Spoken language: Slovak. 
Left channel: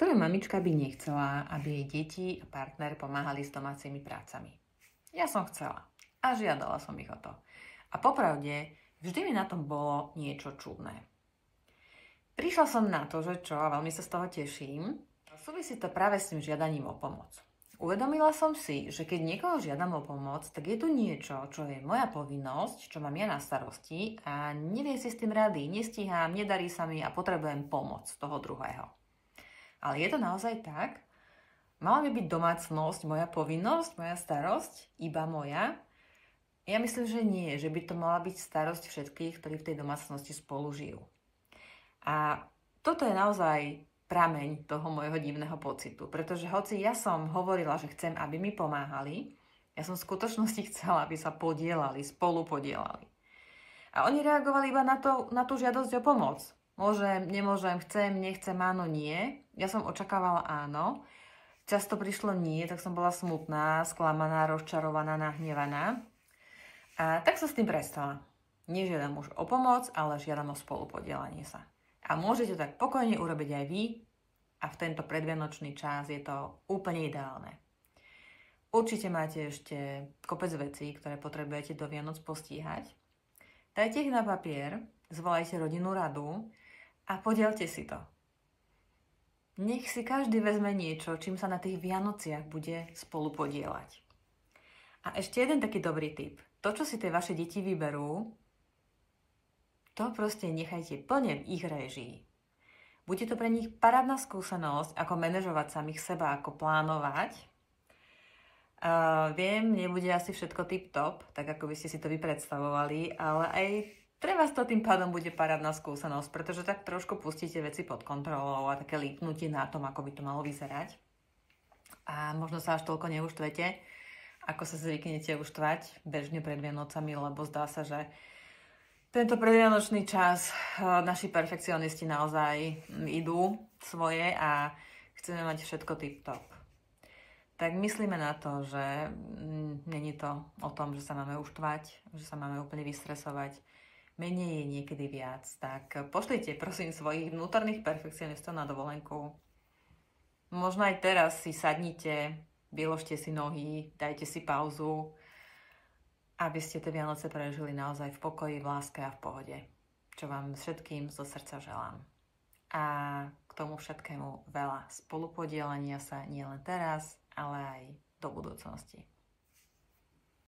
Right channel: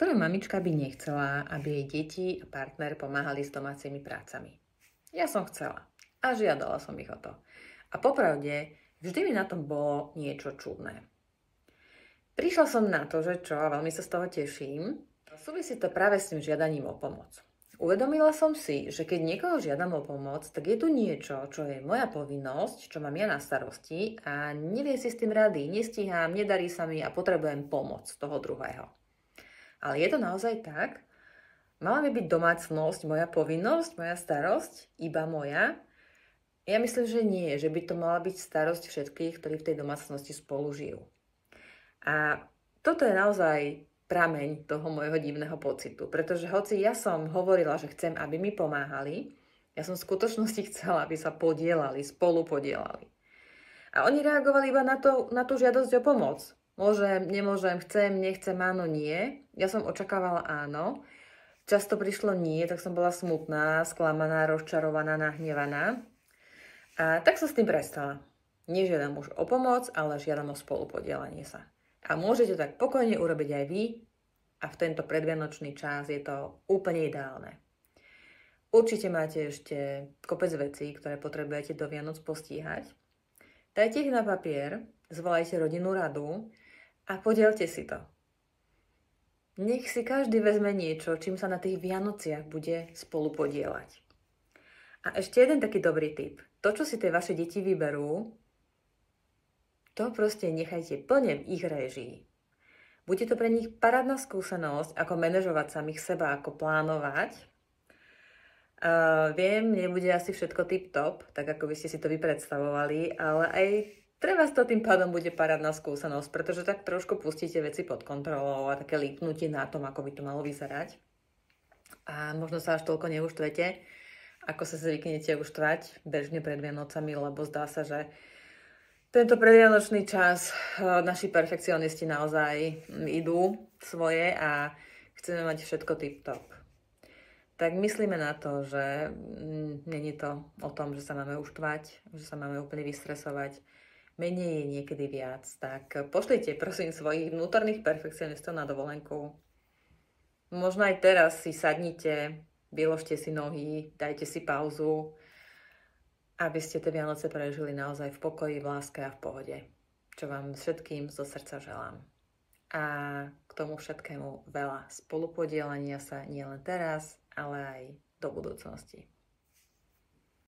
Ktorá mamička by nechcela, aby jej deti a partner pomáhali s domácimi prácami? Ja som chcela a žiadala som ich o to. A popravde, vždy mi na tom bolo niečo čudné. Prišla som na to, že čo, a veľmi sa z toho teším, súvisí to práve s tým žiadaním o pomoc. Uvedomila som si, že keď niekoho žiadam o pomoc, tak je tu niečo, čo je moja povinnosť, čo mám ja na starosti a neviem si s tým rady, nestíham, nedarí sa mi a potrebujem pomoc toho druhého. Ale je to naozaj tak? Mala by byť domácnosť moja povinnosť, moja starosť, iba moja? Ja myslím, že nie, že by to mala byť starosť všetkých, ktorí v tej domácnosti spolu žijú. A toto je naozaj prameň toho môjho divného pocitu, pretože hoci ja som hovorila, že chcem, aby mi pomáhali, ja som v skutočnosti chcela, aby sa podielali, spolu podielali. A oni reagovali iba na tú žiadosť o pomoc. Môžem, nemôžem, chcem, nechcem, áno, nie. Ja som očakávala áno. Často prišlo nie, tak som bola smutná, sklamaná, rozčarovaná, nahnevaná. A tak som s tým prestala. Nežiadam už o pomoc, ale žiadam o spolupodielanie sa. A môžete tak pokojne urobiť aj vy a v tento predvianočný čas je to úplne ideálne. Určite máte ešte kopec vecí, ktoré potrebujete do Vianoc postíhať. Dajte ich na papier, zvolajte rodinnú radu a podielte si to. Nech si každý vezme niečo, čím sa na tých Vianociach bude spolu podieľať. A ešte jeden taký dobrý tip. To, čo si tie vaše deti vyberú, to proste nechajte plne v ich réžii. Bude to pre nich parádna skúsenosť, ako manažovať samých seba, ako plánovať. Viem, nebude asi všetko tip-top, tak ako by ste si to vypredstavovali, ale aj pre vás to tým pádom bude parádna skúsenosť, pretože tak trošku pustíte veci pod kontrolou a také lípnutie na tom, ako by to malo vyzerať. A možno sa až toľko neuštvete, ako sa zvyknete uštvať bežne pred Vianocami, lebo zdá sa, že tento predvianočný čas naši perfekcionisti naozaj idú svoje a chceme mať všetko tip-top. Tak myslíme na to, že není to o tom, že sa máme uštvať, že sa máme úplne vystresovať. Menej je niekedy viac. Tak pošlite prosím svojich vnútorných perfekcionistov na dovolenku. Možno aj teraz si sadnite, vyložte si nohy, dajte si pauzu, aby ste tie Vianoce prežili naozaj v pokoji, v láske a v pohode. Čo vám všetkým zo srdca želám. A k tomu všetkému veľa spolupodielania sa nielen teraz, ale aj do budúcnosti.